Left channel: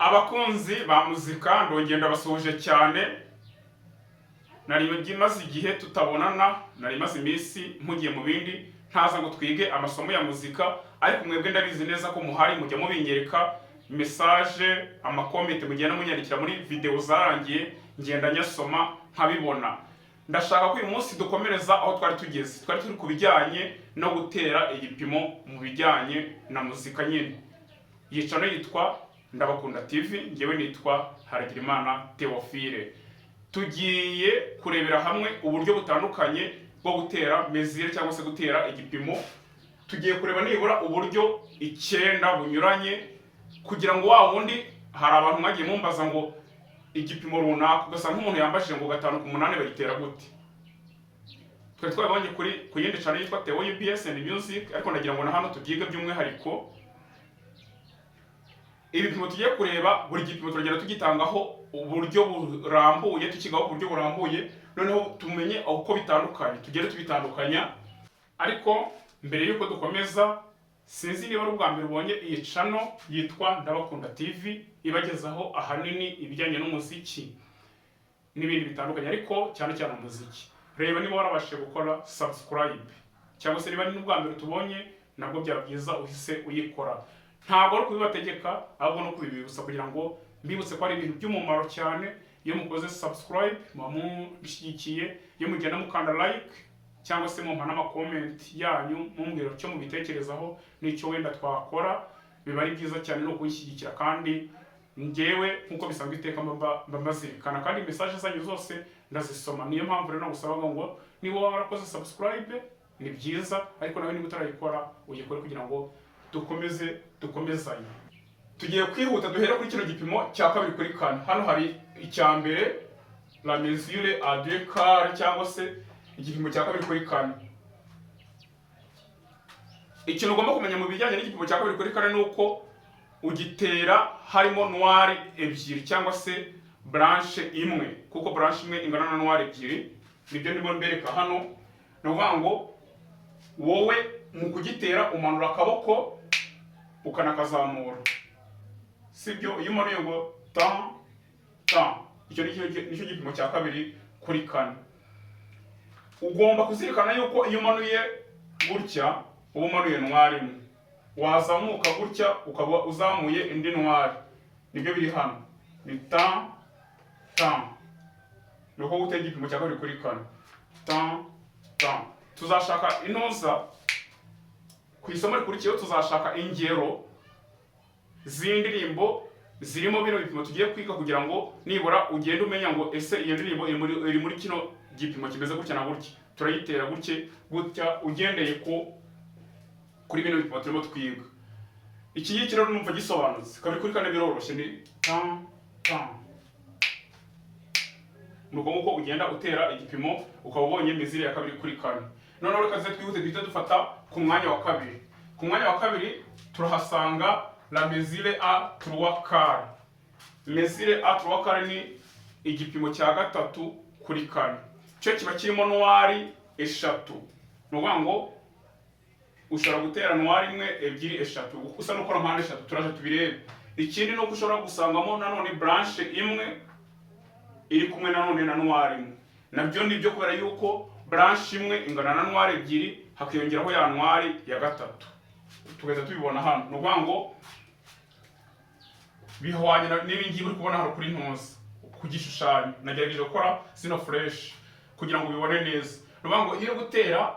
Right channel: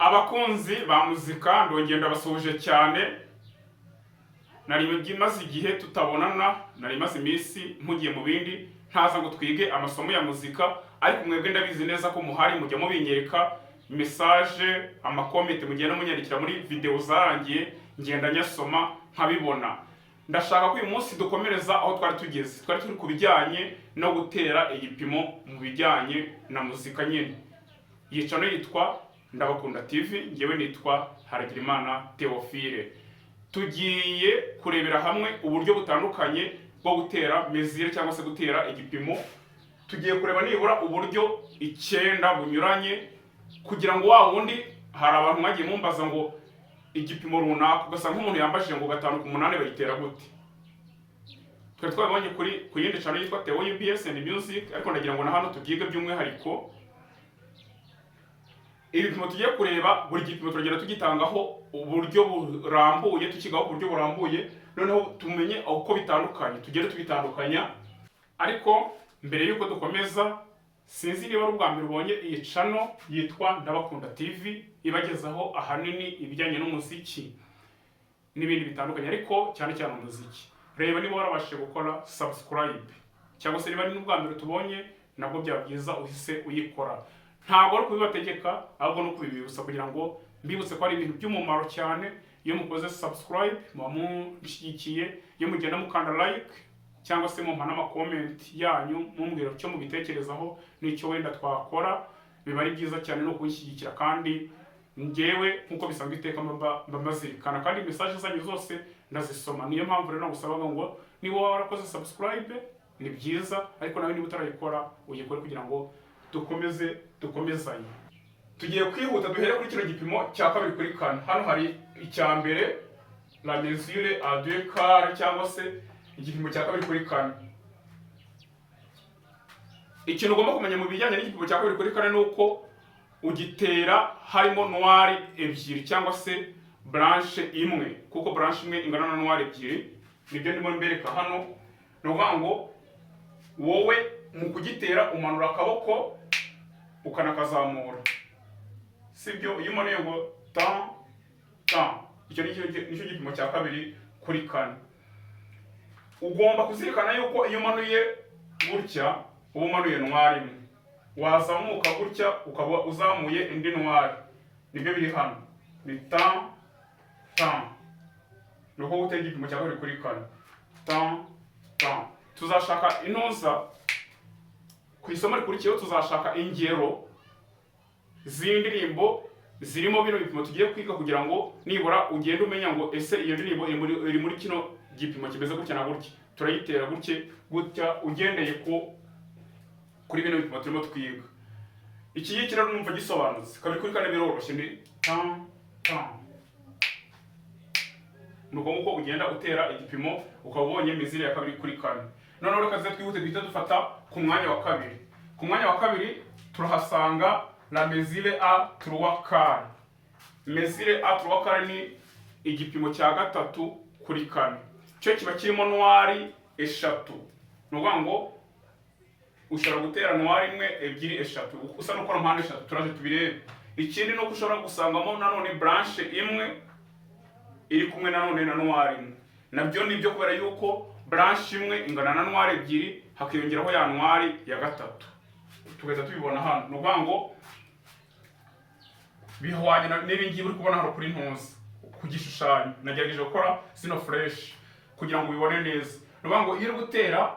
Abakunzi ba muzika ndongera ndabasuhuje cyane. Nari maze igihe tutabonana, nari maze iminsi mpugiye mu bindi ntaza ngo twige amasomo ya muzika, ariko mwebwe ndabizi neza ko muhari mujya mubinyereka message, amakomenti mugenda munyandikira muri video zarangiye, ngenda nyasoma nkabibona. Ndashaka ko uyu munsi dukomereza aho twari tugeze. Twari turi kubijyanye no gutera igipimo mu bijyanye na muzika nyine. Iyi channel yitwa Ndabakunda TV, ngewe nitwa Haragirimana Theophile. Tugiye kurebera hamwe uburyo butandukanye bwo gutera mesure cyangwa se gutera igipimo. Tugiye kureba nibura uburyo 9 bunyuranye, kugira ngo wa wundi hari abantu mwagiye mumbaza ngo igipimo runaka ugasa nk'umuntu yambashije ngo 5 ku 8 bayitera gute. Twe twabonye ku yindi channel yitwa Theo UBS and Music, ariko ndagira ngo na hano tubyige by'umwihariko. Ibipimo tugiye kureba, buri gipimo turagenda tugitangaho uburyo burambuye, tukigaho uburyo burambuye, noneho tumenye uko bitandukanye, tugere tubitandukanya. Ariko mbere yuko dukomeza, sinzi niba ari ubwa mbere ubonye iyi channel yitwa Ndabakunda TV, ibagezaho ahanini ibijyanye n'umuziki n'ibindi bitandukanye, ariko cyane cyane umuziki. Reba niba warabashije gukora subscribe, cyangwa se niba ni n'ubwa mbere tubonye, nabwo byabyiza uhise uyikora. Ntabwo ari kubibategeka, ahubwo no kubibibutsa kugira ngo mbibutse ko ari ibintu by'umumaro cyane. Iyo mukoze subscribe muba mushyigikiye, iyo mugenda mukanda like cyangwa se mumpa n'amakomment yanyu mumbwira icyo mubitekerezaho n'icyo wenda twakora, biba ari byiza cyane no kuyishyigikira. Kandi ngewe nkuko bisanzwe iteka mba mbazirikana, kandi message zanyu zose ndazisoma. Niyo mpamvu rero nagusabaga ngo niba warakoze subscribe ni byiza, ariko nawe niba utarayikora uyikore kugira ngo dukomezanye. Tugiye kwihuta duhere kuri kino gipimo cya kabiri kuri kane. Hano hari icya mbere, la mesure à deux quarts, cyangwa se igipimo cya kabiri kuri kane. Ikintu ugomba kumenya mu bijyanye n'igipimo cya kabiri kuri kane nuko ugitera harimo noir ebyiri cyangwa se branche imwe, kuko branche imwe ingana na noir ebyiri. Nibyo ndimo mbereka hano. No ngo wowe mu kugitera umanura akaboko ukanakazamura, sibyo? Iyo umanuye ngo tan tan, icyo nicyo gipimo cya kabiri kuri kane. Ugomba kuzirikana yuko iyo umanuye gutya uba umanuye noir imwe, wazamuka gutya ukaba uzamuye indi noir. Nibyo biri hano, ni tan tan. Nuko gutera igipimo cya kabiri kuri kane, tan tan. Tuzashaka inoza ku isomo rikurikiyeho, tuzashaka ingero z'indirimbo zirimo bino bipimo tugiye kwiga, kugira ngo nibura ugende umenya ngo ese iyo ndirimbo iri muri kino gipimo kimeze gutya na gutya, turayitera gutya ugendeye kuri bino bipimo turimo twiga. Iki ngiki rero numva gisobanutse. Kabiri kuri kane biroroshye, ni tan tan. Nuko nguko ugenda utera igipimo ukaba ubonye mesure ya kabiri kuri kane. Noneho reka ze twihute duhita dufata ku mwanya wa kabiri. Ku mwanya wa kabiri turahasanga la mesure à 3 quarts. Mesure à 3 quarts ni igipimo cya gatatu kuri kane. Cyo kiba kirimo noir eshatu. Nuvuga ngo ushobora gutera noir imwe, ebyiri, eshatu, usa no gukora mpande eshatu. Turaje tubirebe. Ikindi no kushobora gusangamo nanone branche imwe iri kumwe nanone na noir imwe. Nabyo nibyo kubera yuko branche imwe ingana na noir ebyiri, hakiyongeraho ya noir ya gatatu. Tugahita tubibona hano. Nuvuga ngo bihwanye n'ibi ngibi uri kubona hano kuri ntuzi ku gishushanyo. Nagerageje gukora sino fresh kugira ngo ubibone neza. Nuvuga ngo iyo uri gutera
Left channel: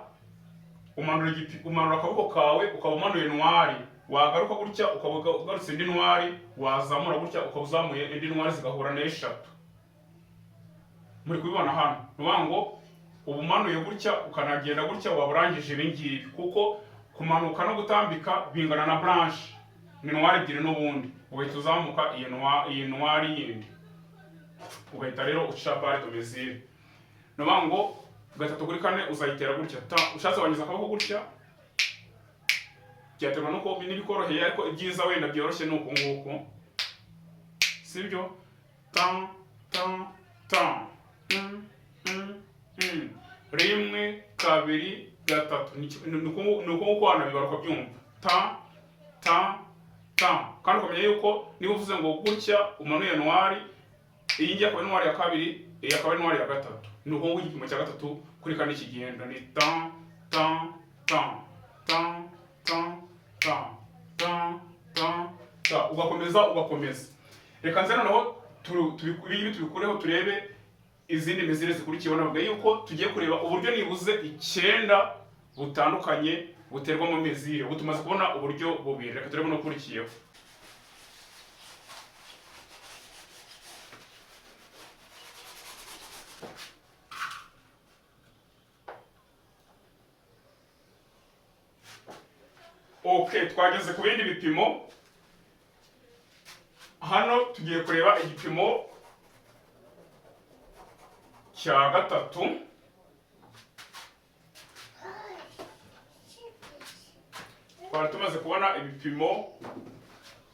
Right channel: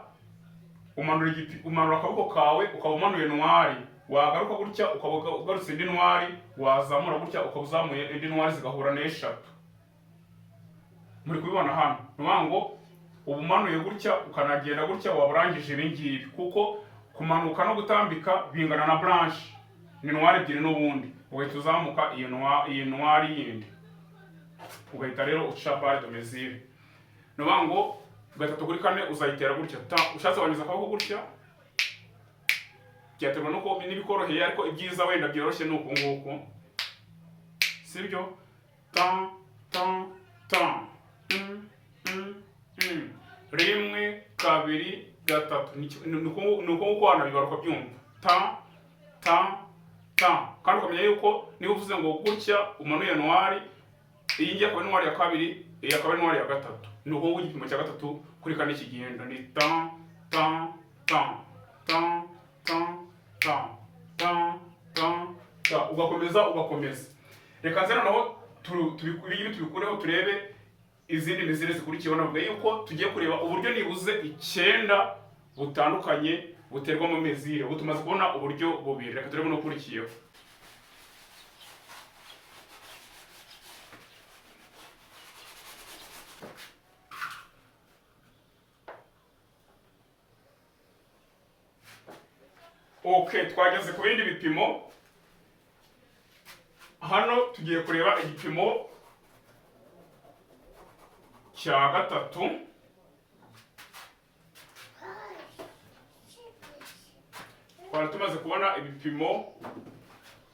umanura akaboko kawe ukaba umanuye noir, wagaruka gutya ukaba ugarutse indi noir, wazamura gutya ukaba uzamuye indi noir, zigahura n'eshatu. Muri kubibona hano. Nuvuga ngo ubumanuye gutya ukanagenda gutya waburangije ibi ngibi, kuko kumanuka no gutambika bingana na branche, ni noir ebyiri n'ubundi. Ugahita uzamuka iyi noir yindi, ugahita rero uca barre de mesure. Nuvuga ngo gatatu kuri kane uzayitera gutya. Ushatse wanyuza akaboko gutya, byaterwa nuko n'ibikoroheye, ariko ibyiza wenda byoroshye nuko nguko, sibyo? Tan tan tan. Rimwe, kabiri, gatatu. Nuko nguko hano bibaruka byumva. Tan tan tan. Kandi ukamenya yuko niba uvuze ngo gutya umanuye noir, iyi ngiye akaba ari noir ya kabiri, iyi akaba ari noir ya gatatu. Ni uko igipimo cya gatatu kuri kane kigenda ni tan tan tan tan tan tan tan tan tan, ugakomeza. Reka nze noneho tubikureho turebe izindi mezire zikurikiyeho. Navuga yuko tugiye kureba uburyo nibuze 9 butandukanye buterwa mu mezire. Ubu tumaze kubona uburyo bubiri, reka turebe no kurikiyeho. Okay, twageze ku bindi bipimo. Hano tugiye kureba igipimo cya gatatu. Twari tumaze kubona ibipimo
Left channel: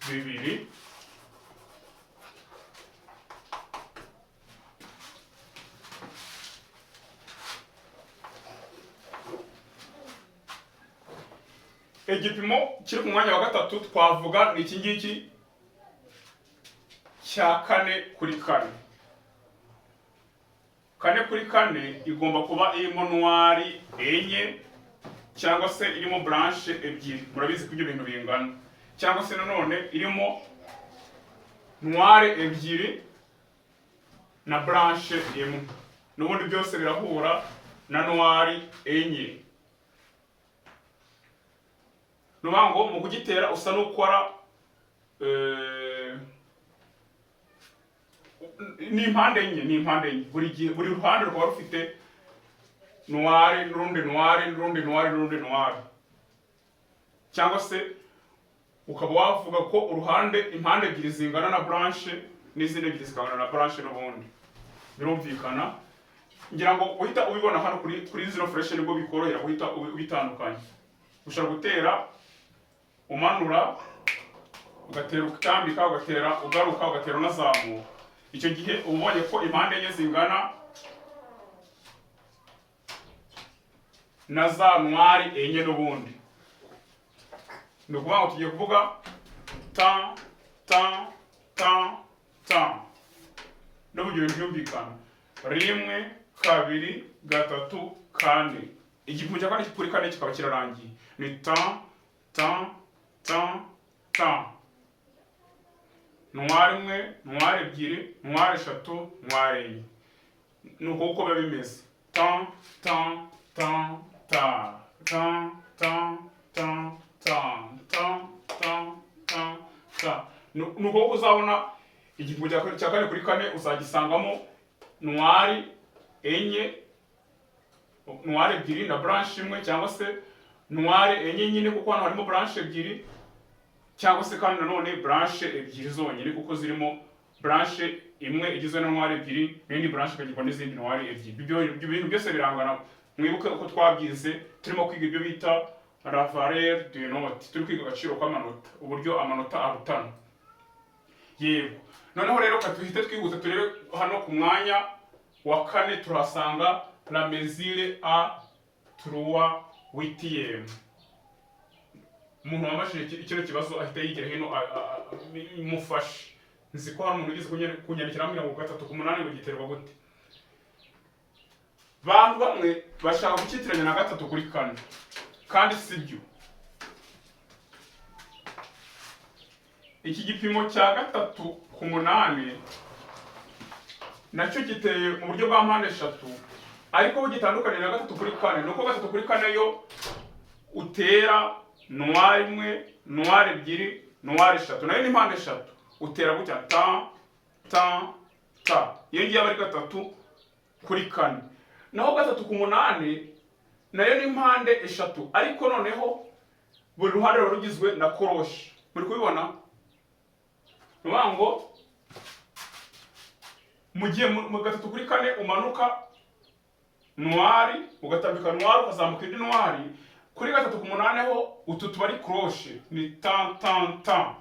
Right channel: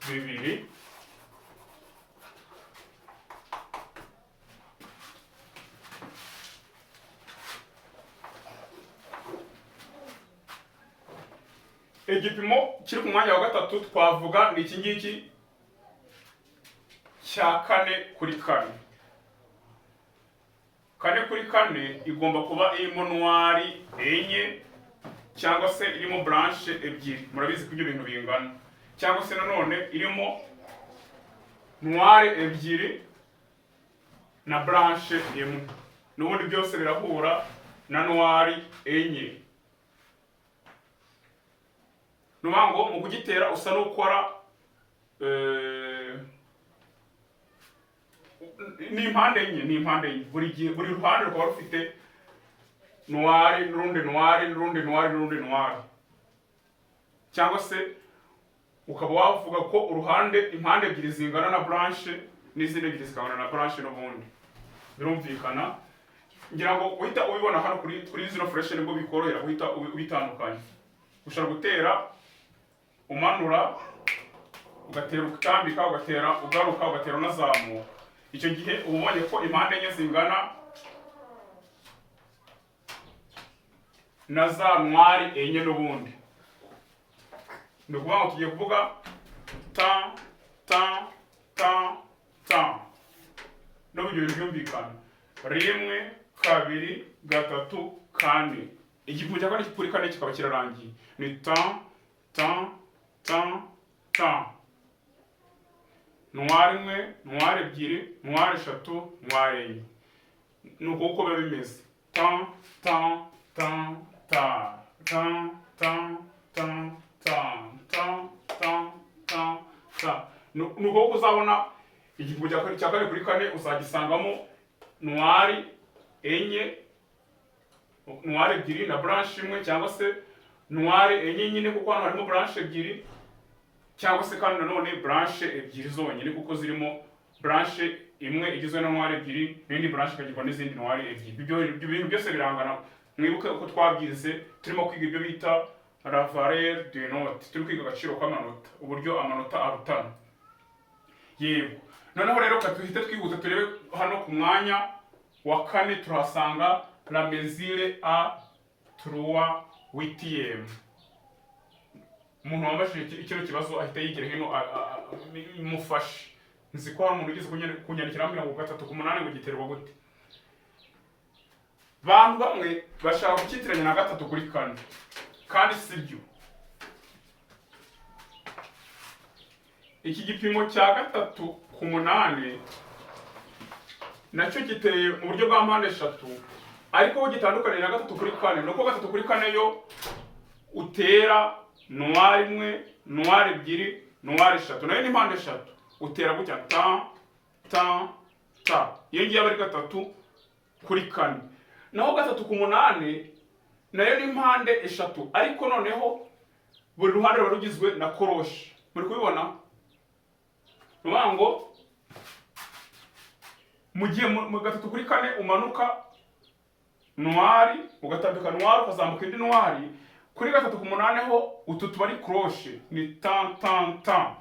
bibiri. Igipimo kiri ku mwanya wa gatatu twavuga ni iki ngiki cya 4x4. 4x4 igomba kuba irimo noir enye cyangwa se irimo blanche ebyiri. Murabizi ko ibyo bintu bingana. Cyangwa se nanone irimo noir ebyiri na blanche imwe. N'ubundi byose birahura na noir enye. Nubango mu kugitera usa n'ukora ni impande enye. Buri ruhande rukaba rufite noir n'urundi noir. Cyangwa se ukaba wavuga ko impande ebyiri zingana na blanche n'izindi ebyiri zikangana na blanche n'ubundi. Birumvikana. Ngira ngo uhita ubibona hano kuri zero fresh nibwo bikorohera guhita ubitandukanya. Ushobora gutera umanura, ugatera ukitambika, ugatera ugaruka, ugatera unazamuka. Icyo gihe ubonye ko impande enye zingana na za noir enye n'ubundi. Ni ukuvuga ngo tugiye kuvuga tan tan tan tan. N'uburyo byumvikana. 1 2 3 4. Igipimo cya kane kuri kane kikaba kirarangiye. Ni tan tan tan tan. Noir imwe, noir ebyiri, noir eshatu, noir enye. Nuko uko biba bimeze. Tan tan tan tan tan tan tan tan tan tan tan tan. Nuko uzabona igipimo cya kane kuri kane uzagisangamo noir enye, noir ebyiri na blanche imwe, cyangwa se noir enye nyine kuko hano harimo blanche ebyiri, cyangwa se kandi nanone blanche ebyiri zonyine kuko zirimo blanche imwe igizwe na noir ebyiri n'indi blanche ikagirwa n'izindi noir ebyiri. Ibyo bintu byose birangana. Mwibuke uko twabyize turimo kwiga ibyo bita la valeur de note. Turi kwiga agaciro k'amanota, uburyo amanota arutana. Yego. Noneho rero katuhite twihuta turebe hano ku mwanya wa kane turahasanga la mesure a 3 8e. Umuntu wambashije ikiro kibazo ahita yigira hino imufashe. Nzi ko hari umuntu ugize kunyandikira ambwira ngo 3 ku 8 ngo giterwa gute. Bantu bamwe bashaka gukitiranya na 3 kuri 4 kandi sibyo. Iki gipimo cya 3 ku 8 nacyo giteye mu buryo bwa mpande eshatu, ariko gitandukanye na 3 kuri 4. Nuko 3 kuri 4 yo utera noir imwe, noir ebyiri, noir eshatu. Nayo ni mpande eshatu. Utera gutya tan tan tan. Iyo ngiye bari 3 kuri 4. Naho 3 ku 8 nayo ni mpande eshatu, ariko noneho buri ruhande rugizwe na koroshe. Muri kubibona? Nubango mu gihe mu 3 kuri 4 umanuka noir, ugatambika noir, ukazamuka indi noir. Kuri 3 ku 8 ho utu tubari crochet ni tan tan tan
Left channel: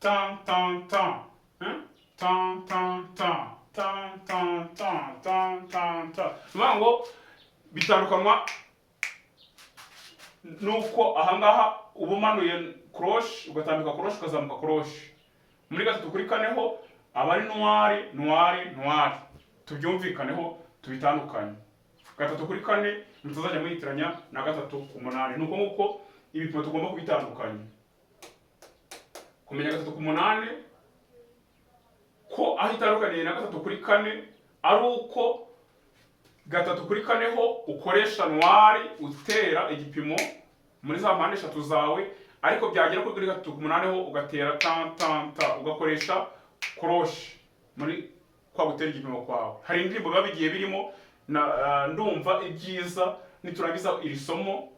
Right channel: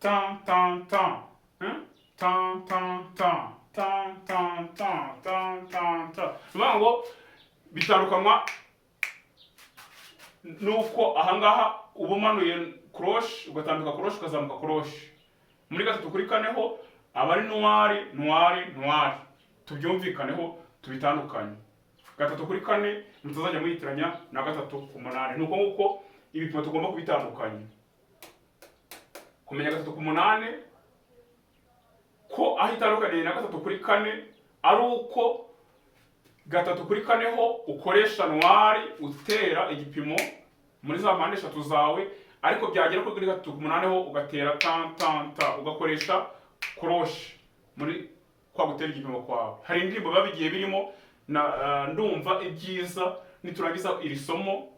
tan tan tan tan tan tan tan tan tan tan tan tan. Nubango bitandukanwa nuko ahangaha ubumanuye croche ugatambika croche ukazamuka croche. Muri gatatu kuri kane ho aba ari noir noir noir, tubyumvikaneho tubitandukanye. Gatatu kuri kane mutazajya muyitiranya na gatatu ku munani. Nuko nguko ibipimo tugomba kubitandukanya. Kumenya gatatu ku munani ko aho itandukaniye na gatatu kuri kane ari uko gatatu kuri kane ho ukoresha noir utera igipimo muri za mpande eshatu zawe, ariko byagera kuri gatatu ku munani ho ugatera ta ugakoresha croche muri kwa gutera igipimo kwawe. Hari indirimbo biba bigiye birimo na ndumva ibyiza niturangiza iri somo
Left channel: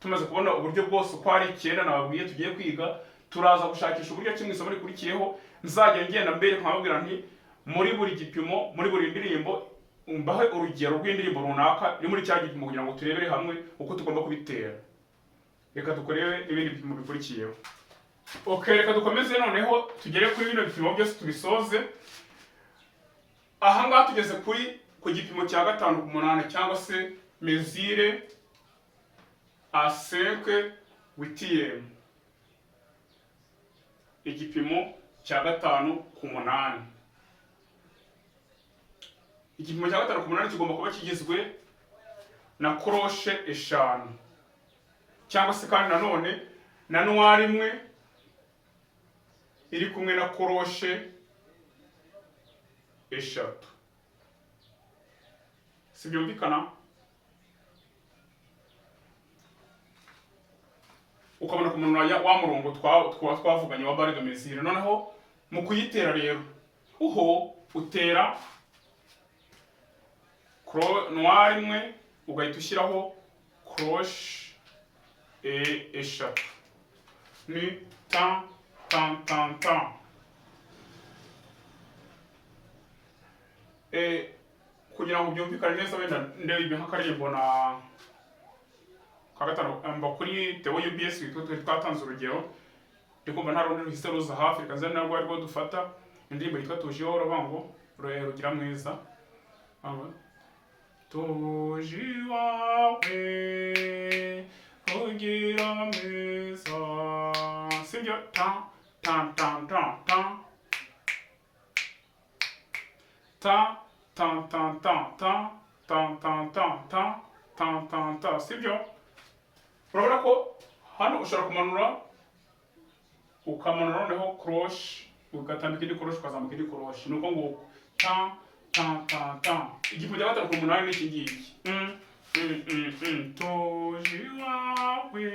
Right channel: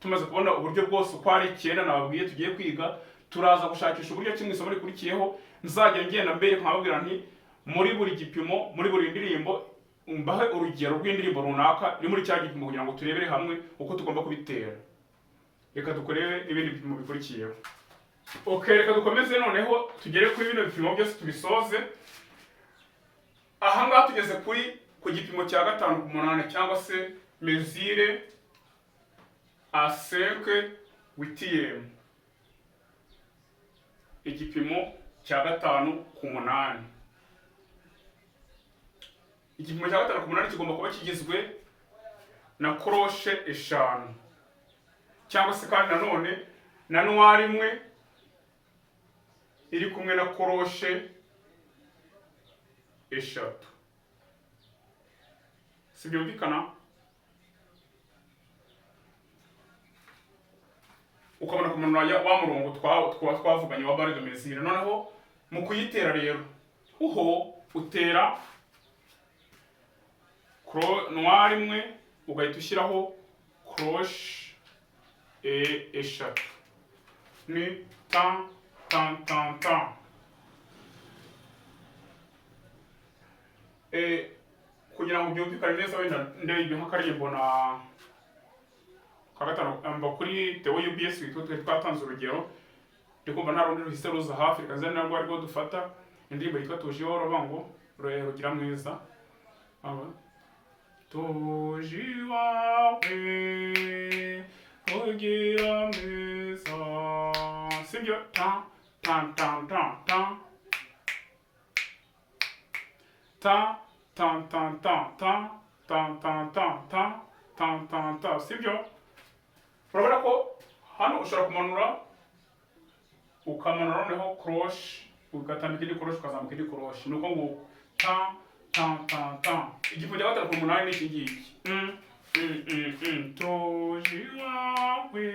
tumaze kubona uburyo bwose uko ari 9 nababwiye tugiye kwiga, turaza gushakisha uburyo kimwe isomo rikurikiyeho nzajya ngenda mbere nkababwira nti muri buri gipimo muri buri ndirimbo mbahe urugero rw'indirimbo runaka iri muri cya gipimo kugira ngo turebere hamwe uko tugomba kubitera. Reka dukorere ibindi bipimo bikurikiyeho. Okay, reka dukomeze noneho tugere kuri bino bipimo byose tubisoze. Aha ngaha tugeze ku gipimo cya 5 ku 8 cyangwa se mesure à 5 8e. Igipimo cya 5 ku 8. Igipimo cya 5 ku 8 kigomba kuba kigizwe na croche 5 cyangwa se kandi nanone na noir imwe iri kumwe na croche 3. Sibyumvikana? Ukabona kumenura wa murongo twavuganye wa barre de mesure. Noneho mu kuyitera rero uho utera noir imwe ugahita ushyiraho croche 3. Ni ta. Kugira ngo byumvikane neza wenda ndebe nk'akaririmbo na kagatano amba kuri Theo UBS twatanze urugero, ndikumva nta rundi ruhise ruza hafi reka nzane narwo ariko dufata indirimbo yitwa Tujihoro bango rugira mwiza. Tujiwawe rugira mwiza, sibyo ta sibyo. Urabona ko hano ushobora kumanura ukamanura noneho croche ugatambika indi croche ukazamuka indi croche. Nuko nguko ta. Igipimo cya 5 ku 8 ni iki ngiki. Tujiwawe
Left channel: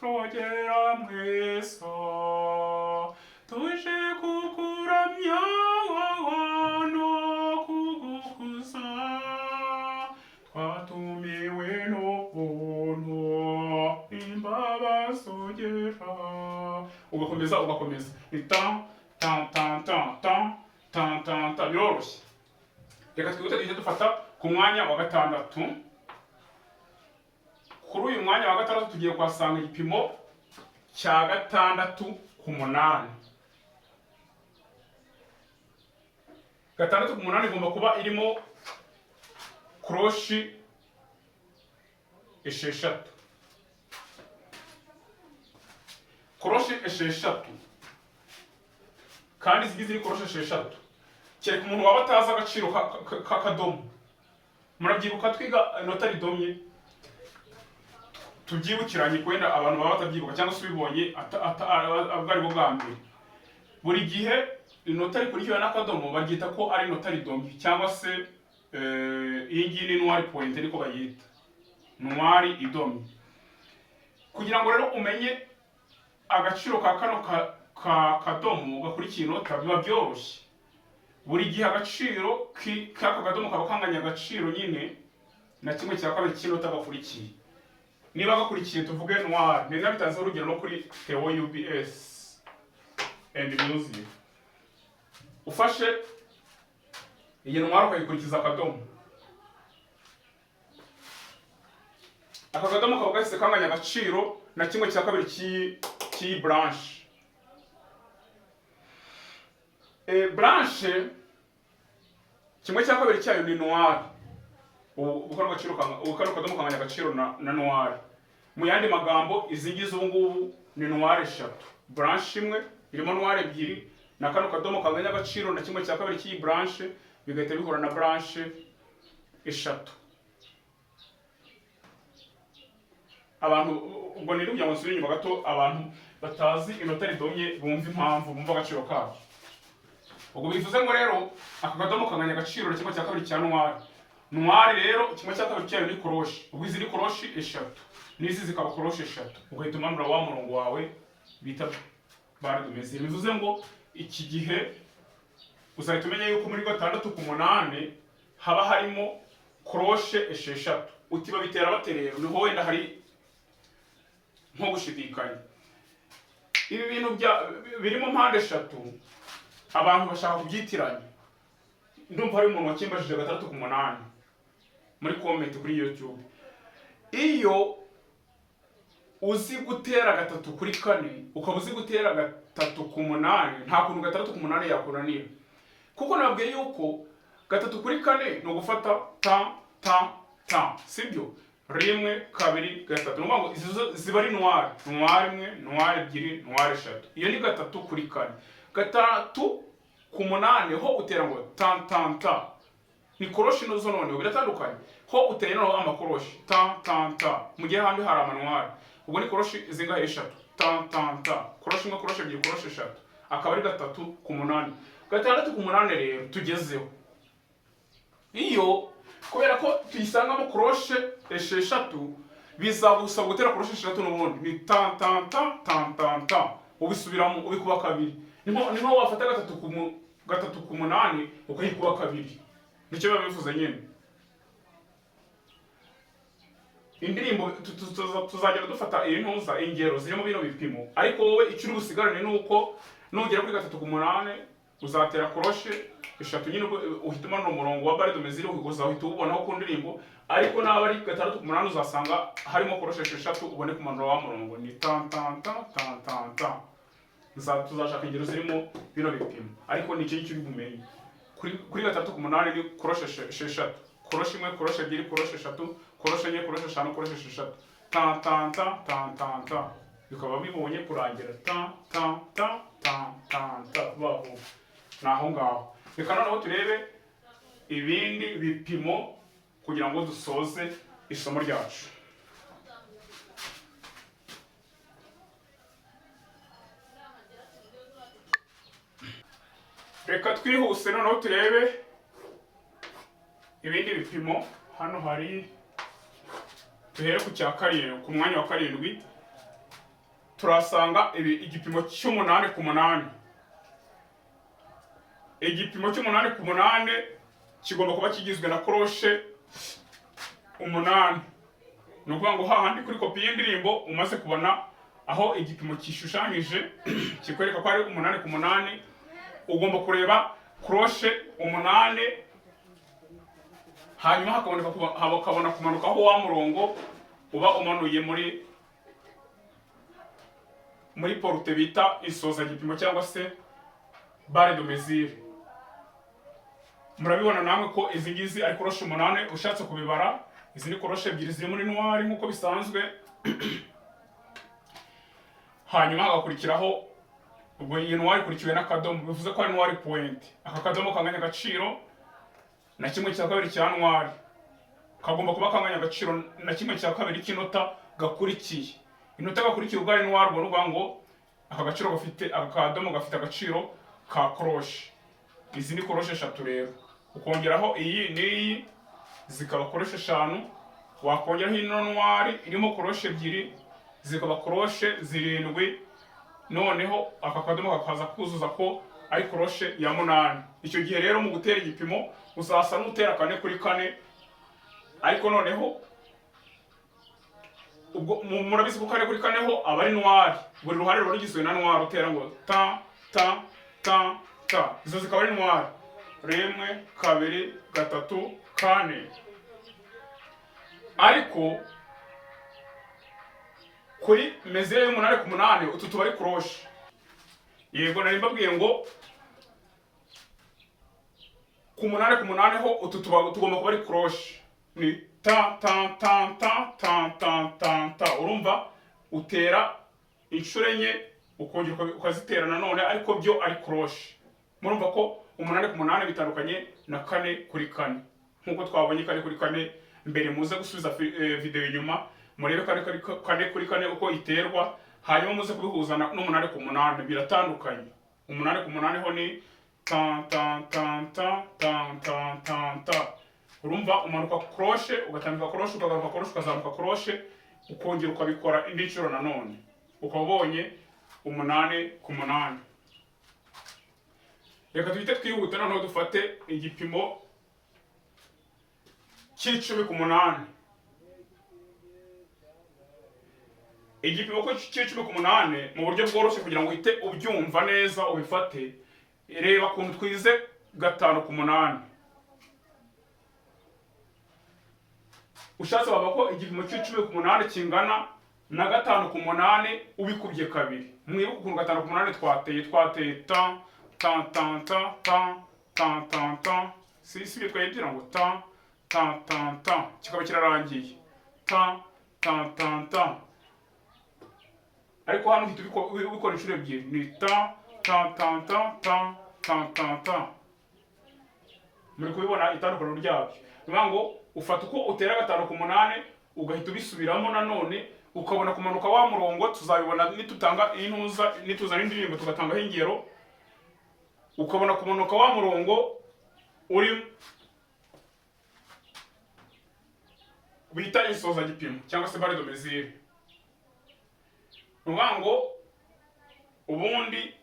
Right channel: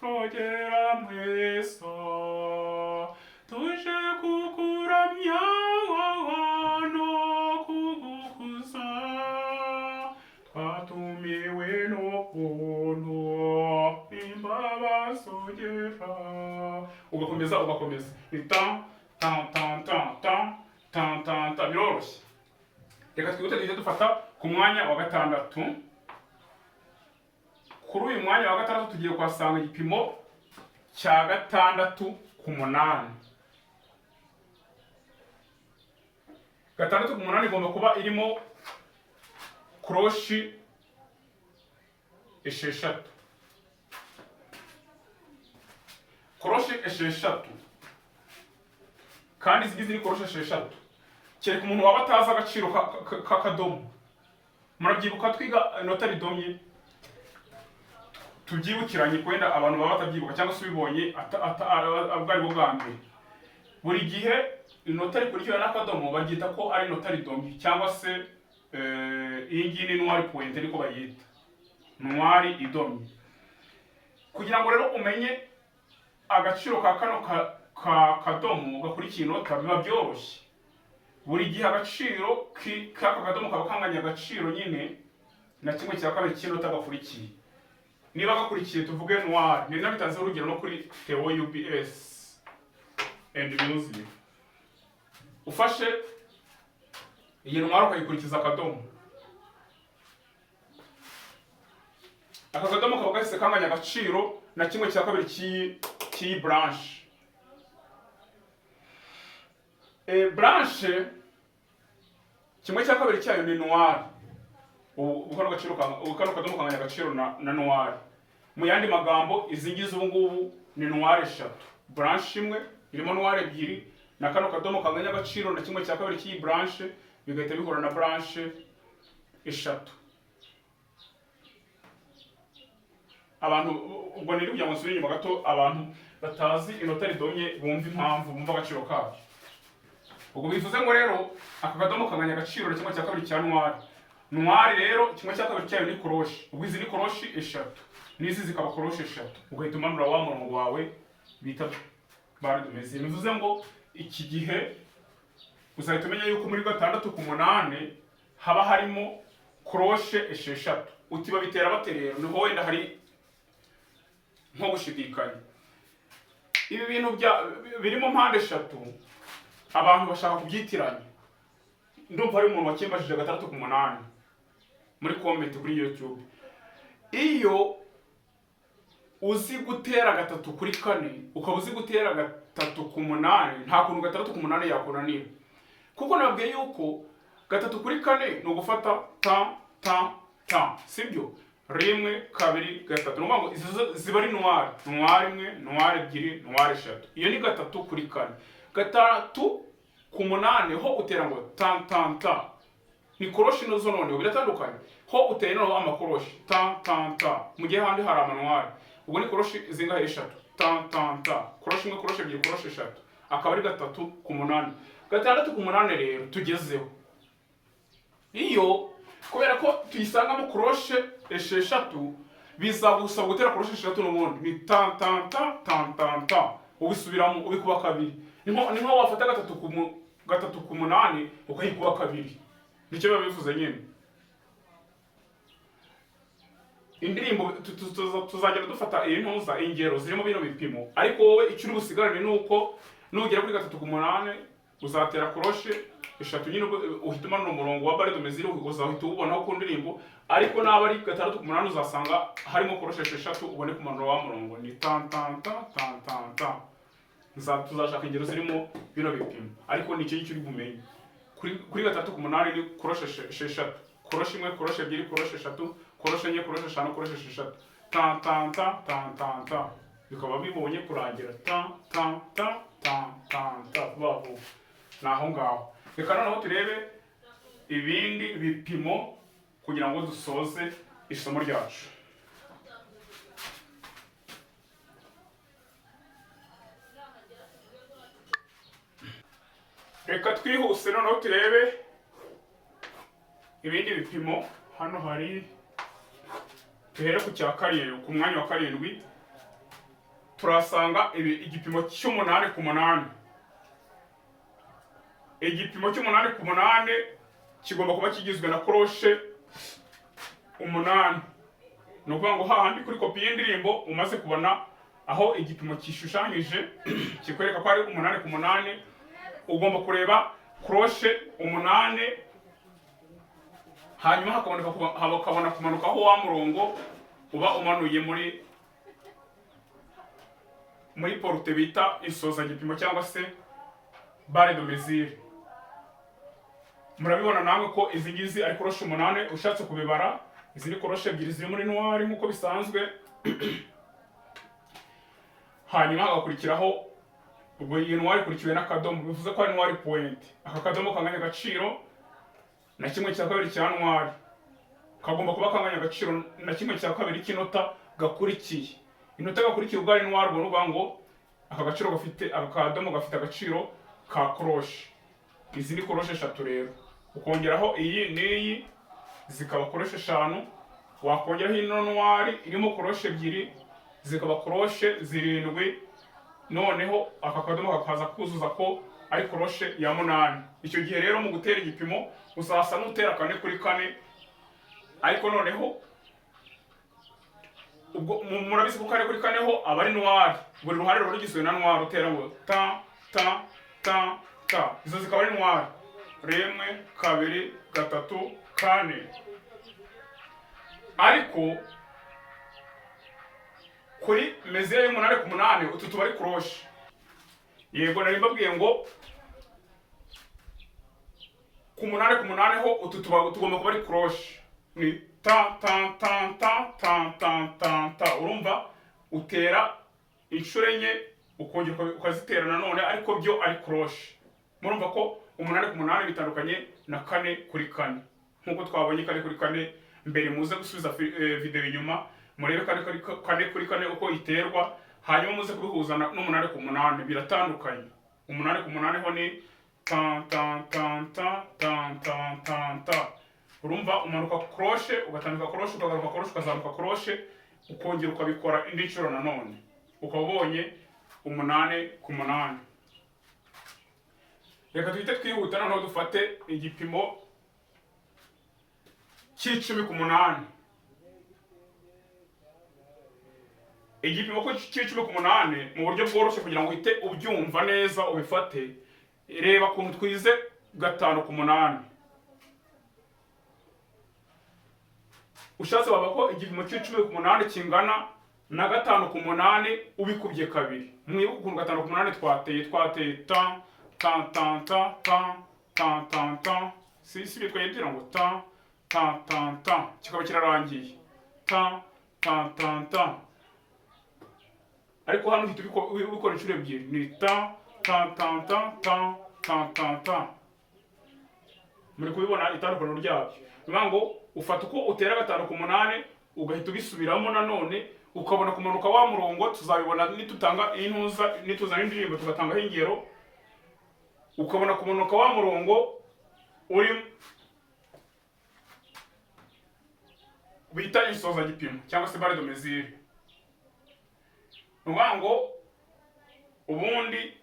rogera mwiza, tuje kukuramya no kugukuza, twatumiwe n'ubuntu imbabazi ugera. Ugakomeza ni ta biroroshye. Reka twihute tujye dufata ku mwanya wa 6. Kuri uyu mwanya wa 6 tugiye kwasanga igipimo cya 6 ku 8. 6 ku 8 igomba kuba irimo croche 6. Croche 6 kandi zigize croche 6. Kereka umuntu waba atazi agaciro k'akadomo. Murabyibuka twiga inota ridomye, tubyibukiranye kwenda abantu baba batabyibuka cyangwa se ubibonye abwari bwo bwa mbere. Buri gihe inota rikurikiwe n'akadomo baryita ko ari inota ridomye cyangwa se iyi ngiyi ni noir point niko bayita, noir idomye. Kugira ngo rero umenye agaciro ka kano kadomo gakurikiye inota biba byoroshye. Buri gihe agaciro k'aka kadomo kaba kanganya agaciro nyine na kimwe cya kabiri cy'inota gakurikiye. Niba gakurikiye tuvuge noir, ni nabitanze urugero no kuri Theo UBS and music. Ufashe iyi noir ukayikurikiza akadomo, aka kadomo kaba gahise kanganya agaciro na kimwe cya kabiri cy'iyi branche. Branche kimwe cya kabiri cyayo ni noir. Ukano kadomo kanganya agaciro na noir. mu yandi magambo izi ngizi ubu ngubu ni noire eshatu, branche imwe irimo noire ebyiri na kano kadomo kanganya agaciro na kimwe cya kabiri cy'iyi branche bigahita bihura na branche eshatu. Abantu ubwo ni kugira ngo nsubire inyuma gato, abantu batazi inota ridonye bumva impamvu, bumva agaciro kabyo. Ubwo bivuze ngo rero aka kadomo kanganya agaciro na kimwe cya kabiri cya noire. Noire rero kimwe cya kabiri cyayo ni koroshi, ubwo izi ni koroshi eshatu n'izi zikaba koroshi eshatu, ugahita umanura wa murongo wawe bita barre de mesure. Bivuze ngo iki gihe uzahita umenya yuko muri 6 ku 8 haba harimo koroshe esheshatu. Utiba bitera bate rero, niho wenda hari nko gushidikanya. Ibi bintu birimo mpande eshatu abantu bashaka kubyitiranya. Ndumva hari umuntu wakimbajije 6 ku 8 muri comment kuri YouTube. Iyo uzi gutera 3 kuri 4 ukaba uzi gutera 3 ku 8, nta kuntu 6 ku 8 yakunanira, kuko nabwiye yuko 3 kuri 4 no gufata ta, sibyo? 1 2 3, no ngo ziba ari noire, noire imwe, noire ebyiri, noire eshatu. Iyo ni 3 kuri 4. 3 ku 8 ho utera ngo ta. Ni koroshi no zo none biratandukanye. Ho uteye no amakoroshi ta. Mu gihe handi hari amanuare. Ubwo ni koroshi zinga eshatu. Ta. Koroshi imwe, koroshi ebyiri, koroshi eshatu. Akaba ari 3 ku 8. 6 ku 8 rero tugezeho. Iyo kubera ko tuyisangamo koroshe esheshatu bizagusaba gutera koroshe esheshatu n'ubundi ni ta. Ubisubiramo ubikuba kabiri. Niho wafata 3 ku 8 ukayikuba kabiri. Nicyo biba bivuze nyine. Indirimbo tuzagenda dufata iyi ntuza ingero zirimo bino bipimo, ariko wowe icyo uri busigarane nuko nugera kuri 3 ku 8 uzatera koroshe eshatu nyine uhita umanura umurongo wa barre de mesure uzahita ubonaho ku ndirimbo, ariko naba ari 6 ku 8 uzasanga harimo koroshe eshatu ubone kumanura wa murongo ni ta. Tuzashaka ingero zirimo bino bipimo, ariko nicyo uri bumenye. Kuri 3 ku 8 ni koroshe esheshatu, koroshe imwe, koroshe ebyiri, koroshe eshatu, koroshe enye, koroshe eshanu, koroshe esheshatu, ta. Bikaba bibonye kurangira ta baho naho ngaho. Reka noneho turebe ibindi bipimo kugira ngo dusoze isomo ryacu. Reka twihuse noneho turebe ibindi bipimo. Hano hari tuhere ku cya karindwi, ku mwanya wa 7 turasanga igipimo cy'8 ku 8. Igipimo cy'8 ku 8 kigomba kuba kigizwe na koroshe 8. No kuvuga ngo hahandi kuri kopi y'indirimbo umaze kubona aho igipimo kishushanyije kikwereka ko ari 8 ku 8, ugomba kureba koroshe 8 hanyuma hakabona kumanukaho wa murongo uba umanuye muri porute bita isoza gipimo cyangwa se barre de mesure. Murabibona namwe ko izi ngizi ari koroshe 8 ushatse kubibara. Izi ni koroshe ebyiri ziri muri noire nkuko bisanzwe. Hanyuma hagakurikiraho ubwo iyi noire ikurikiwe n'akadomo, bivuze ko ari noire point. Aka kadomo kanganya agaciro na kimwe cya kabiri cya noire, kagomba kuba kanganya agaciro na kimwe cya kabiri cy'inota gakurikiye. Inota gakurikiye ubwo ari noire, ubwo nuvuga ngo aka gaciro gafite akadomo gafite agaciro ka koroshe. Izi ni koroshe eshatu rero, ukongeraho iyi n'iyi zikaba koroshe 5, wakongeraho ino noire irimo koroshe ebyiri zikaba koroshe 7. Noneho aka kadomo kakaza kuzuza ko ari koroshe ya 8. Icyo gihe rero mu gutera igipimo uzasa n'utera 4 kuri 4, ariko noneho ubwo murabizi ko 4 kuri 4 ho aba ari noire, buri ruhande ruba rugizwe na noire, utera ngo ta. Izo zikaba ari noire 1 2 3 4. Ariko kuri mesure y'8 ku 8 utu tuba ari koroshe. Yego nari mbabwiye ngo ku 8 ku 8 ho utu tugomba kuba ari koroshe. Ni ta ta ta ta ta ta ta ta. Urumva utera inshuro enye ukongera ukazitera nanone, ariko byo ari crochet. Murumva ko 8 ku 8 bitandukanye na 4 kuri 4 nkuko twabonye 4 kuri 4 mbere. Muze gusubiza video inyuma murebe 4 kuri 4 uko iterwa, hanyuma muze kubihuza no 8 ku 8 biratandukanye. 8 ku 8 ho ni ta ta ta ta ta ta ta ta. Urumva umanuka crochet ugatandika crochet ukagaruka crochet ukazamuka crochet ukongera ukabikora indi nshuro nanone, ukaba ubonye 8 ku 8. Reka tuhite twihuta noneho dufate igipimo cy'icumi ku 8. Igipimo ko cy'icumi ku 8 mu buryo bworoshye kugira ngo uhite ubyumva neza ubifate. Reba kuntu twize 5 ku 8. Ushatse baba ko igipimo cy'icumi ku 8 kingana na 5 ku 8 ubikubye kabiri. Mwibuka ukuntu 5 ku 8 twateye ta ta ta ta ta ta ta ta. Si bitwagira ngo ta ta ta ta kikaba kirarangiye ta ta ta ta. Ariko hano hita ubikora inshuro ebyiri ni ta ta ta ta ta ta ta ta. Muri kubibona itandukano ryabyo. Niyo ngo ufata uko utera 5 ku 8 ugahita ubisubiramo nanone ukabona kumanuka wa murongo. Tuzabibona nitutanga intuza nituzana indirimbo tugatanga ingero, ukabona kumanuka wa murongo uri bita isoza gipimo cyangwa se barre de mesure. Ngo ubundi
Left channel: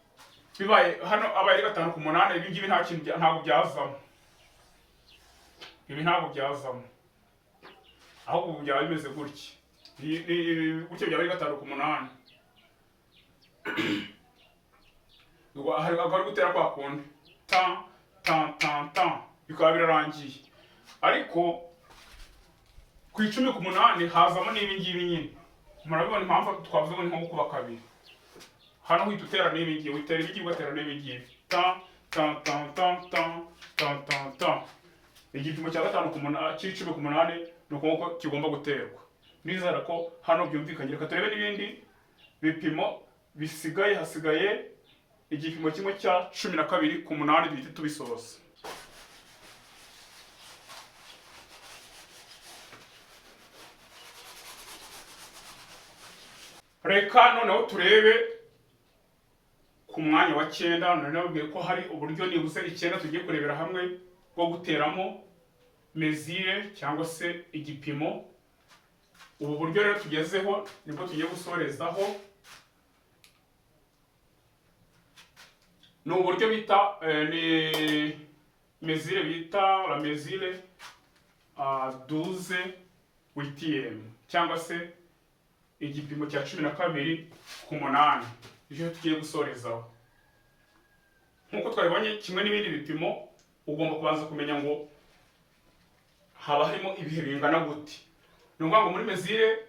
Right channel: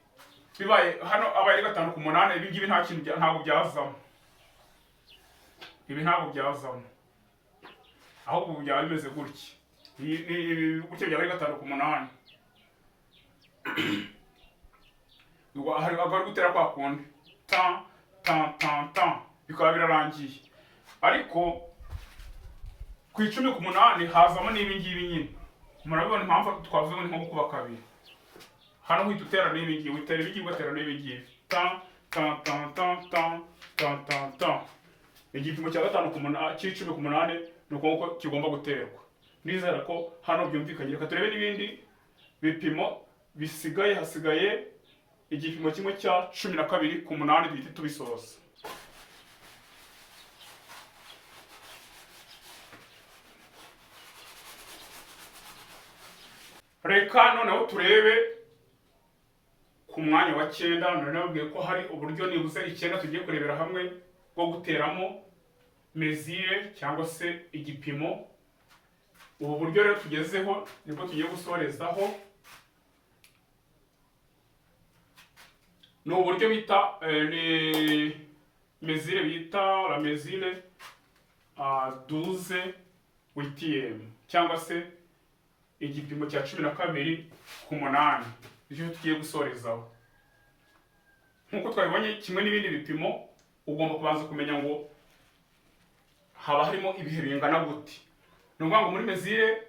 bibaye hano abaye 5 ku 8 ibi ngibi nta kintu ntabwo byazamo. Ibi ntabwo byazamo, ahubwo byaba bimeze gutya. Gutya byaba 5 ku 8. Hari agari gutera kwa kundi ta ta ta ta bikaba birarangiye. Ariko ku 10 ku 8 hazamo n'ibi ngibi nyine. Murabibona impamvu twavuze ngo ni nko kuba kabiri. Hano uhita utera n'ibi ngibi, utera ibigi ugatera n'ibi ngibi ta ta ta ta ta ta ta ta. Igipimo cya 5 ku 8 cy'icumi ku 8 nuko kigomba guterwa. Nizera ko hano byumvikanye. Reka turebe n'ibindi bipimo bisigaye. Hasigaye igipimo kimwe cya 12 ku 8 duhite tubisoza. Reka noneho turebe ku mwanya wa 9. None nabwiye ko hari uburyo nibuze 9 tugiye kurebera hamwe bwo guteramo mesure cyangwa se igipimo. Ubu buryo rero tugezeho nibwo tugiye gusorezaho. No uburyo bita ni mesure bita la mesure 12 8e cyangwa se igipimo cya 12 ku 8 nicyo tugiye gusorezaho. Nkuko twabibonye kimwe n'ibindi bipimo ugomba kubanza kumenya ngo haba harimo ibihe bingana gute. Ni ukuvuga ngo muri mesure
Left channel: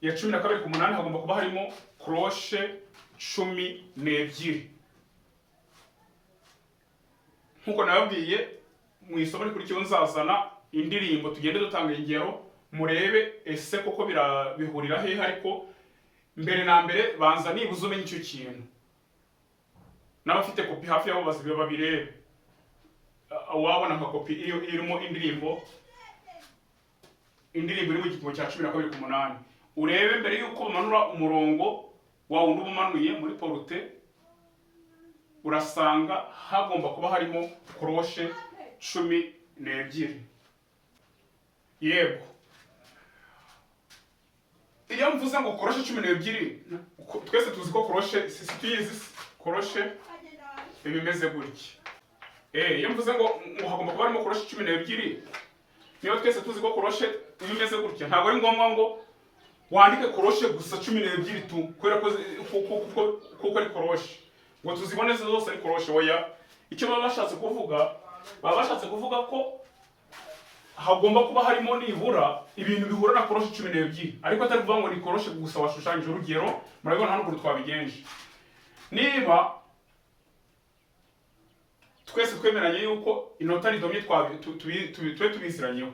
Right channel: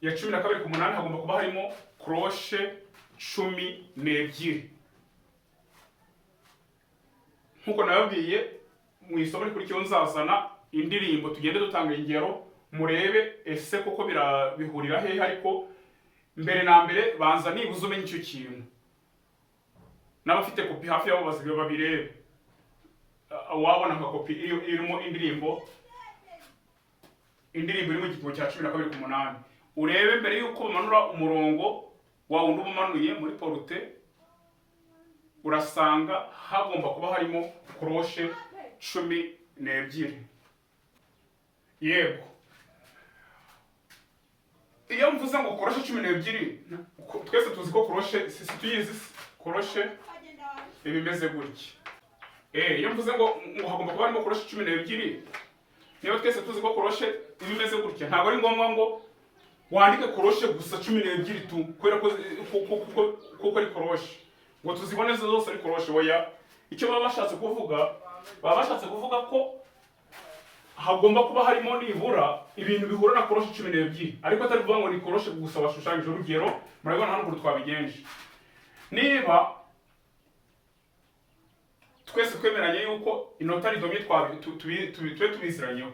ya 12 ku 8 hagomba kuba harimo crochet 12. Nkuko nababwiye mu isomo rikurikiyeho nzazana indirimbo tugende dutanga ingero murebe ese koko bihurira hehe. Ariko mbere na mbere banza nibuze umenye icyo kintu. N'abafite kopi hafi yabo babirebe. Wabona nka kopi irimo indirimbo iri mu gipimo cya 12 ku 8. Urebe mbere yuko umanura umurongo wa wundi umanuye muri porute, urasanga hagomba kuba harimo crochet 12. Yego, iyo mvuze ngo crochet 12 twese tuzi ko crochet si tuyizi crochet bimeze gutya. Iyo mvuze ngo hagomba kuba harimo crochet 12 niyo twese tuzi ko crochet bimeze gutya. Ntabwo ari ngombwa ngo wandike crochet gusa 12 tu kubera ko ari crochet ngo tuzibone zose ari crochet. Oya, icyo baba bashatse kuvuga ko hagomba kuba harimo nibura ibintu bihura na crochet 12. Ariko atari kuvuga ngo ni crochet gusa washushanyije. Urugero murabona hano uko twabigenje. Niba twese twemeranye yuko inota ridomye tubiziranyeho,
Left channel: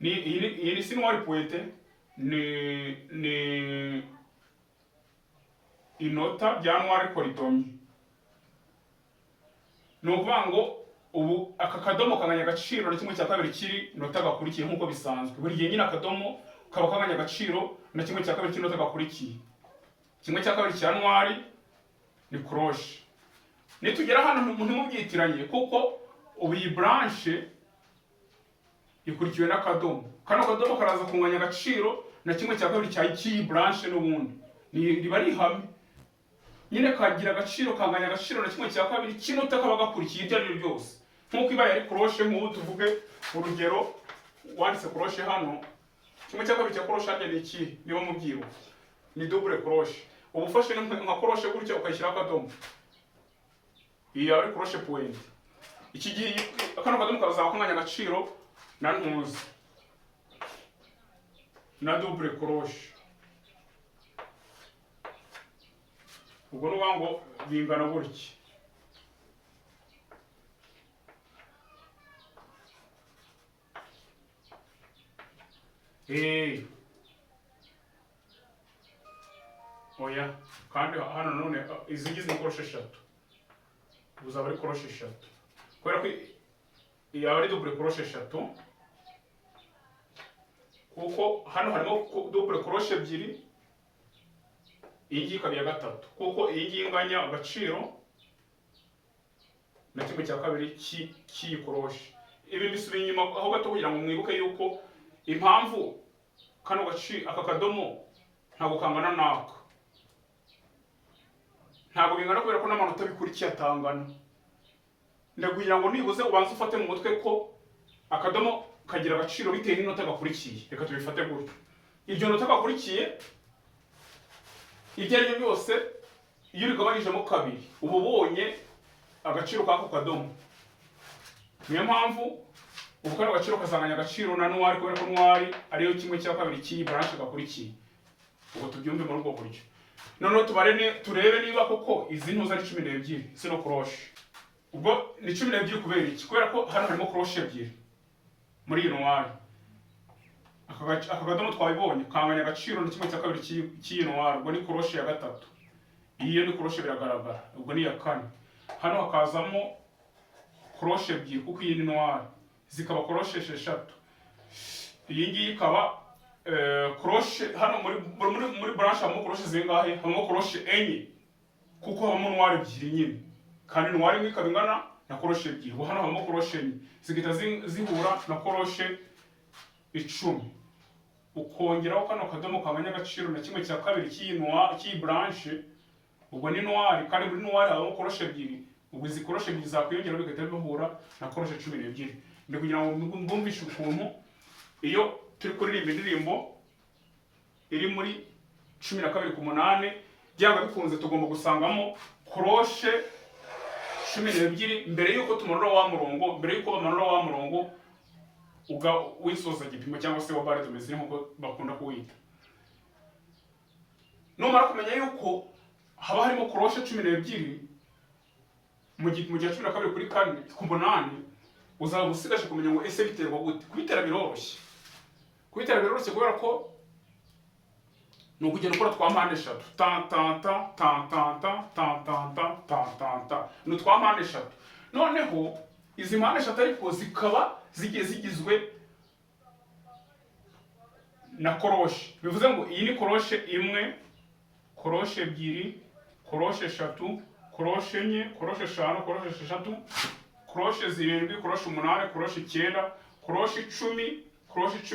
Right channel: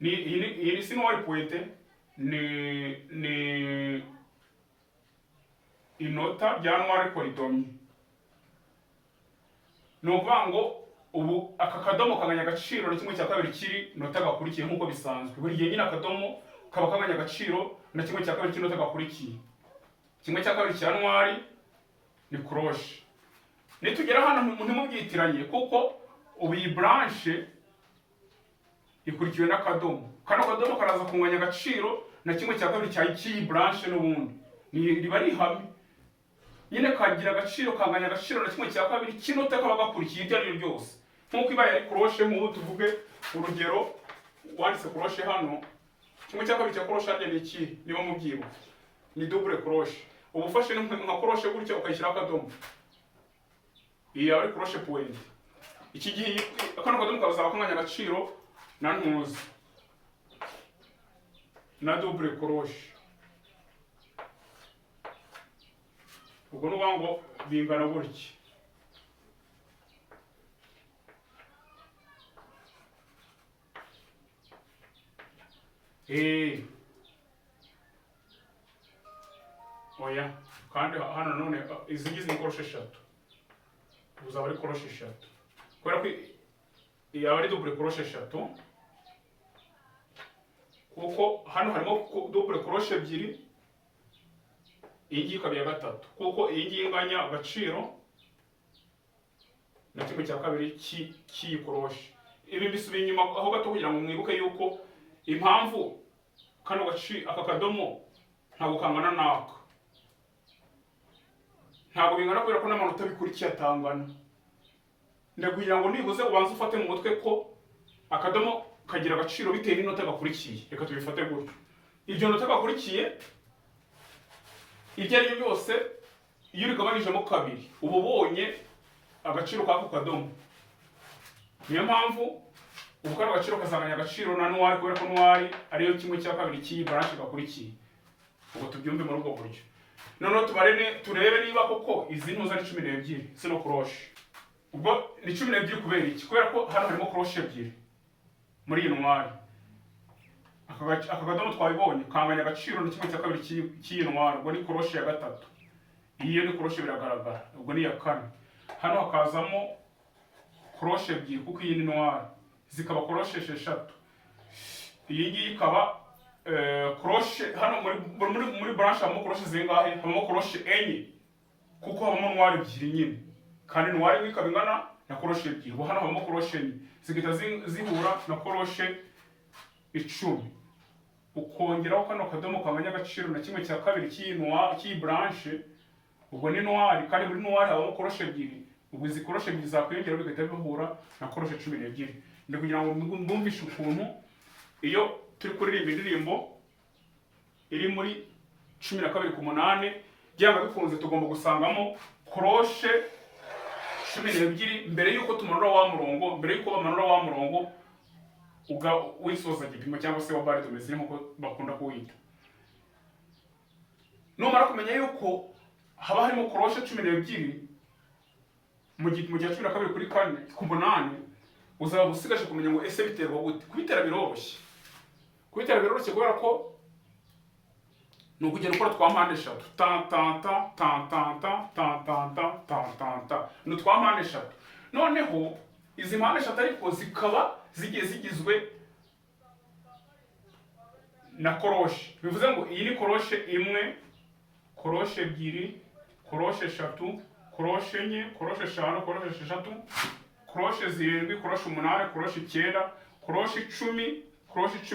iyi ni sinuwari pointe, ni inota bya noir koridomi. Ni ukuvuga ngo ubu aka kadomo kanganya agaciro na kimwe cya kabiri kiri nota gakurikiye nk'uko bisanzwe. Buri gihe nyine akadomo kaba kanganya agaciro na kimwe cya kabiri cy'inota gakurikiye. Kimwe cya kabiri cya noir ni crochet. Nitugera hano ntimubyitiranye kuko ubu iyi branche ikurikiwe n'akadomo. Kano kadomo karaza kunganya agaciro na kimwe cya kabiri cy'iyi branche n'ubundi. Riba rihamye. Nyine kagira agaciro kanganya agaciro na kimwe cya kabiri cy'inota kaba gakurikiye ibyo ari byo byose. Nk'uko ibaye ari crochet, nk'ubu tuvuge urugero wanditse crochet hano, kimwe cya kabiri cya crochet ni iki? Niba mubyibuka ni double crochet. Ubu ufashe nka crochet gutya ukayishyiraho akadomo, iyi ari crochet point. Iki gihe akano kadomo kazaba kanganya agaciro na ntuzi na double crochet. Ubwo nuba ngo bingana gutya. Oya, kandi hano none izi ngizi ni crochet eshatu. Uzaba ari crochet eshatu. Kubera ko yaba ari double crochet eshatu. Kuko hano harimo double crochet ebyiri. Iyi ngiyi ikaba iya gatatu. Kuko iyi ngiyi inganya agaciro na kimwe cya kabiri cy'iyi crochet. Ibi bisubiye inyuma aho gato kugira ngo mwibuke yuko impamvu kano gaciro aka kadomo ntabwo kangana naka. Ntabwo bingana kubera ko n'amanota bikurikiye atangana. Ndakugira ngo nibuze ubanze ufate mu mutwe ko akadomo kagira agaciro bitewe n'inota gakurikiye. Reka tubifate gutyo. Iryo nota gakurikiye ibyo ari byo byose iyo urigabanyijemo kabiri uba ubonye agaciro k'ako kadomo. Niyo mpamvu ubu kano gaciro kasanganya agaciro na noir kubera ko noir ariyo kimwe cya kabiri cy'iyi branche gakurikiye. Ubwo tubyumve muri ubwo buryo. Noneho turebe niba koko izi ntuza ari 12 sino crochet. Ubwo ni 12 kubera iki? Kubera ko hano harimo crochet ebyiri muri iyi noir. Aka kadomo twabibonye kanganya agaciro na kimwe cya kabiri cy'iyi noir. Ubwo ni crochet ya gatatu. Iyo ni crochet biragaragara. Ubwo ni ya kane. Hano hakazamo crochet ebyiri kuko iyi ni noir. Zikaba crochet eshatu. Iyi ngiyi ikaba crochet hano muri branche habamo crochet zingahe? Habamo crochet enye kuko habamo noir ebyiri nyine. Kandi noir imwe ikaba ingana na crochet ebyiri. Ubu hano habamo crochet enye. Zigita zihura na crochet 10. Ukongeraho kano kadomo kanganya agaciro na kimwe cya kabiri cy'iyi branche. Ubwo ni noir kandi muri noir habamo crochet ebyiri. Ubwo izi crochet ebyiri zakwiyongera bigahita bihura na crochet 12. Ndi kugira ngo mbumvishe ukuntu iyo turi kuririmba indirimbo iri muri 12:8 byanga bikunze tugomba gusangamo crochet 12 mbere yuko tumanura wa murongo, mbere yuko bamanura wa murongo wisoza igipimo cyangwa se wa barre de mesure nkuko bakunda kuwita. Numara kumenya yuko haba harimo crochet 12 mu gihe 12 kuri 4 ku 8 uzaba usigaje kumenya ngo ese biterwa gute. Kubitera biroroshye. Kubitera biroroshye kubera ko no kugenda ukora twa mpande eshatu ta ta ta ta ta ta ta ta ta ta ta ta no twa mpande eshatu. Noneho izi mpande eshatu ariko zikaba zigizwe na crochet. Bivuze ngo iyi ni crochet imwe, crochet ebyiri, crochet eshatu, crochet enye, crochet eshanu, crochet eshatu, crochet zirindwi, crochet 8, crochet 9, crochet 10, crochet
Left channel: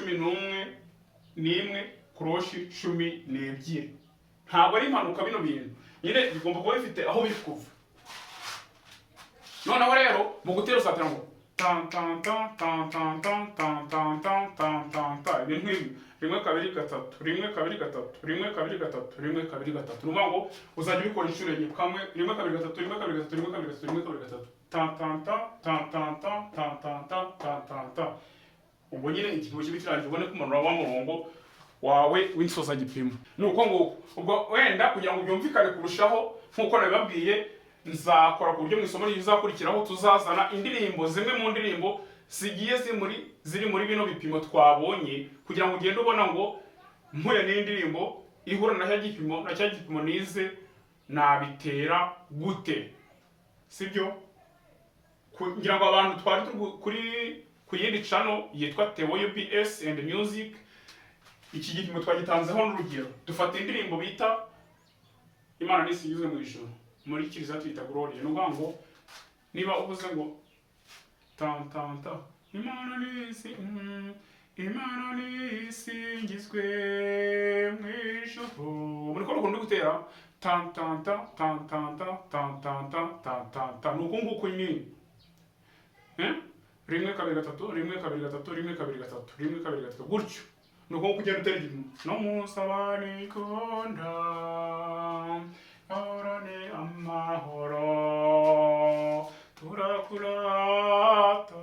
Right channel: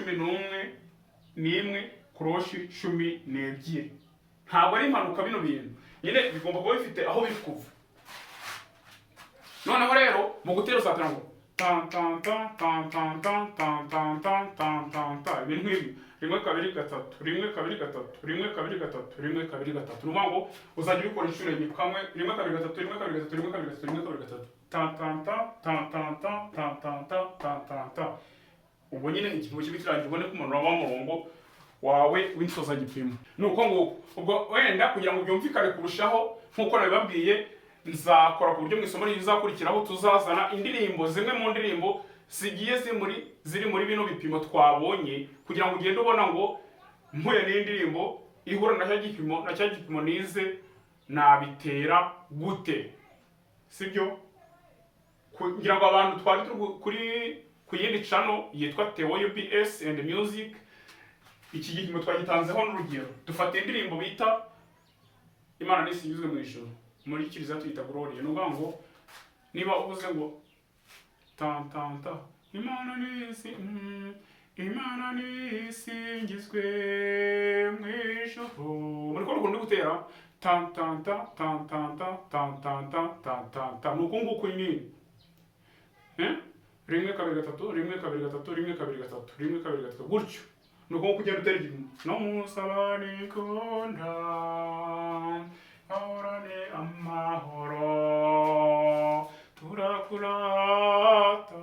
11, crochet 12. Ntabwo ari impanuka bino bintu. Nyine bigomba kuba bifite aho biri kuva. Noneho rero mu gutera uzatera ngo tan tan tan tan tan tan tan tan tan tan tan tan ibintu nk'ibi 1 2 3 1 2 3 1 2 3 1 2 3 numva ngo uzajya ubikora inshuro enye kamwe 1 2 3 1 2 3 1 2 3 1 2 3 tan tan tan tan tan tan tan tan tan tan tan. Ubwo nyine ikintu kibikirangira ubone kumanura wa murongo wawe w'insoza gipimo. Nuko ngo ubwo wenda kugira ngo byumvikane kurushaho nkuko nabibabwiye nzakora ku buryo mu isomo rizakurikiraho tuzazana indirimbo zimwe mu ndirimbo zigiye ziri muri bino bipimo twabonye, kugira ngo ugende ubona ngo mpuye n'indirimbo ihura na cya gipimo nize nabitera gute, sibyo? Kugira ngo abantu twari ku yindi channel yitwa Theo UBS and Music, iki gipimo twagitanzeho n'urugero. Dufata indirimbo bita Imana nisingizwe mu ijuru, muri kiriza tuyita Glory. No ngo niba uvuze ngo tan tan ta Imana nisingizwe mu ijuru, muri ko rukundo gutera tan tan ta tan tan ta tan tan ta tan tan ta, nuko nguko nyine rimwe kabiri gatatu rimwe kabiri gatatu rimwe kabiri gatatu rimwe kabiri gatatu gutyo. Nuko kugenda utera igipimo no musabane konda ahorane amahoro turakurata,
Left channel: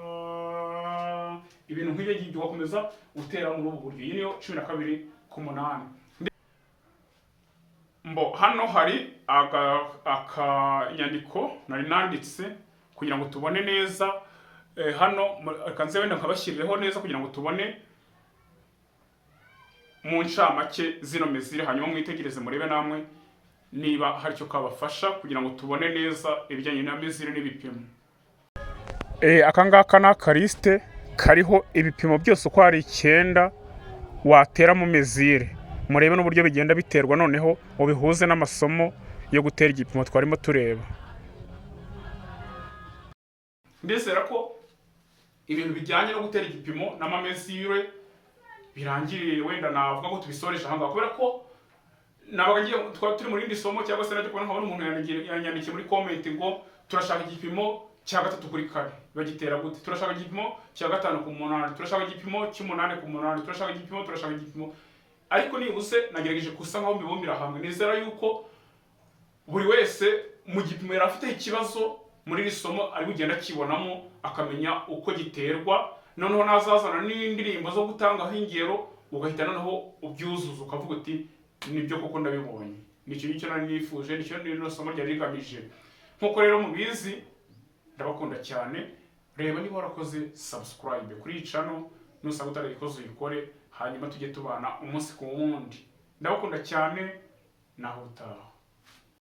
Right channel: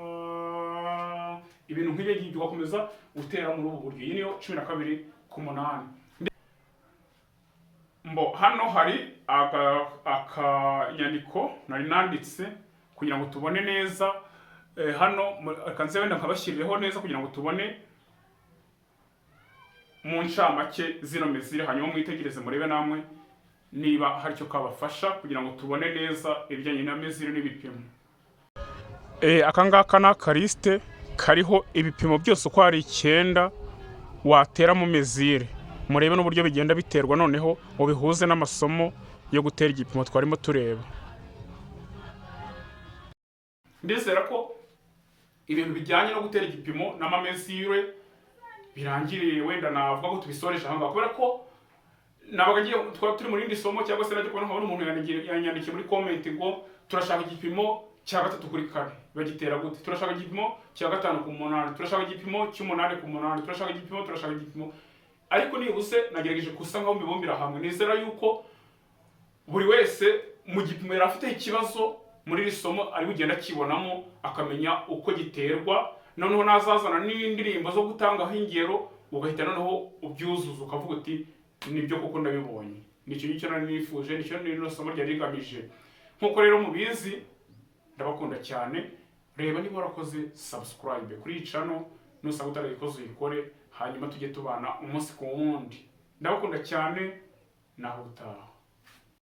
ibintu nk'ibyo ngibyo ugakomeza utera muri ubu buryo. Iyi niyo 12:8. Hano hari akanyandiko nari nanditse kugira ngo tubone neza. Hano kanze wenda nkabashyirireho neza kugira ngo tubone mu ncamake zino mezire, hanyuma mwitegereze murebe namwe niba hari icyo kabafasha kugira ngo tubone neza ibijyanye na mezire n'ibipimo. Aka ngaka ni akarisite kariho ibipimo byose uko ari 9 watera mu mezire. Murebe n'uburyo bigenda biterwa, noneho ubihuze n'amasomo yo gutera igipimo twarimo tureba. Ndizera ko ibintu bijyanye no gutera igipimo n'amamezire birangiriye, wenda navuga ko tubisoreje aha ngaha, kubera ko nabaga ngiye turi muri indi somo, cyangwa se najya kubona nkabona umuntu yanyandikiye muri comment ngo turashaka igipimo cya 3/4 bagitera gute, turashaka igipimo cya 5/8, turashaka igipimo cy'8/8, turashaka igipimo. Ariko nibuze nagerageje kusa nkaho mbibumbira hamwe. Nizera yuko buri wese mu gipimo yari afite ikibazo muri iri somo ari bugenda kibonamo, akamenya uko giterwa, noneho nazazana n'indirimbo zo gutangaho ingero, ugahita noneho ubyuzuza ukavuga uti nibyo koko ndabibonye. Nicyo ngicyo nari nifuje, nicyo rino somo ryari rigamije. Nkuko rero mubizi, ndabakunda cyane. Reba niba warakoze subscribe kuri iyi channel, nusanga utarayikoze uyikore, hanyuma tujye tubana umunsi ku wundi. Ndabakunda cyane, naho utaha.